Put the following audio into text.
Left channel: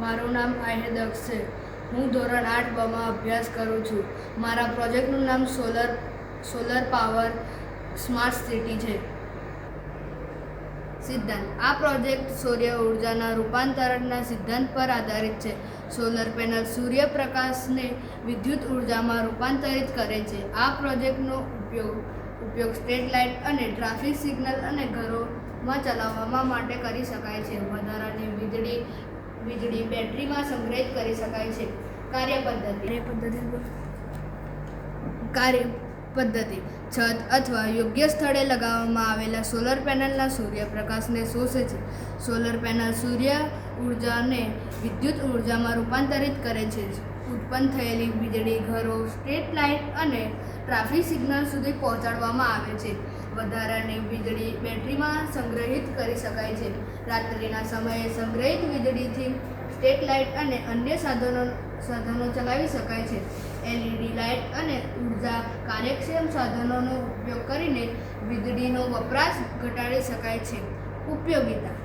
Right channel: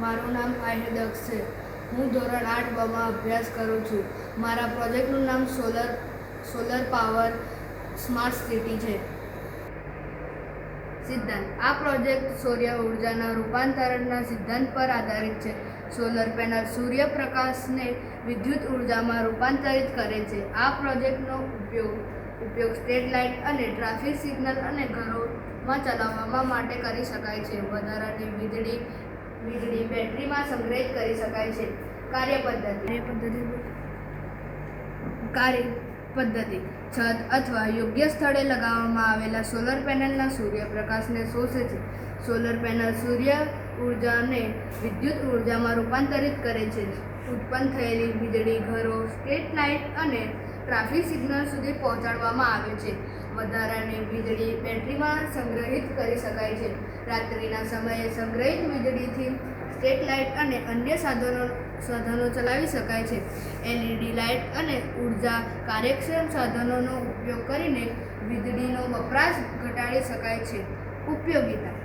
મારું નામ આહિર દક્ષ છે. હું ધોરણ 8 માં અભ્યાસ કરું છું. મારા પ્રોજેક્ટનું નામ સોલર પાવર સ્માર્ટ સિટી છે. સિદ્ધાંત: આ પ્રોજેક્ટ સૌર ઉર્જાના રૂપાંતરણના સિદ્ધાંત પર આધારિત છે. સોલર પેનલ સૂર્યપ્રકાશને વિદ્યુત ઉર્જામાં રૂપાંતરિત કરે છે. આ પ્રોજેક્ટનો ઉપયોગ સ્ટ્રીટ લાઇટ અને ટ્રાફિક સિગ્નલ અને ઘરોમાં ચલાવવા માટે કરી શકાય છે. વધારાની વીજળી બેટરીમાં સંગ્રહિત કરી શકાય છે. કાર્યપદ્ધતિ: છત અથવા યોગ્ય સ્થળે લગાવવામાં આવેલા સોલર પેનલના સૂર્યપ્રકાશને શોષે છે. સોલર પેનલ સૂર્ય ઉર્જાને વિદ્યુત ઉર્જામાં રૂપાંતરિત કરે છે. ઉત્પન્ન થયેલી વીજળી ઘરો, સ્ટ્રીટ લાઇટ અને ટ્રાફિક સિગ્નલ સુધી પહોંચાડવામાં આવે છે. વધારાની વીજળી બેટરીમાં સંગ્રહિત કરી શકાય છે. રાત્રિના સમયે સંગ્રહિત વીજળીથી સ્ટ્રીટ લાઇટ અને અન્ય સાધનો ચલાવી શકાય છે. LED લાઇટ અને ઉર્જા કાર્યક્ષમ સાધનોનો ઉપયોગ કરીને વીજળીનો વપરાશ ઘટાડી શકાય છે. ઉપયોગિતા: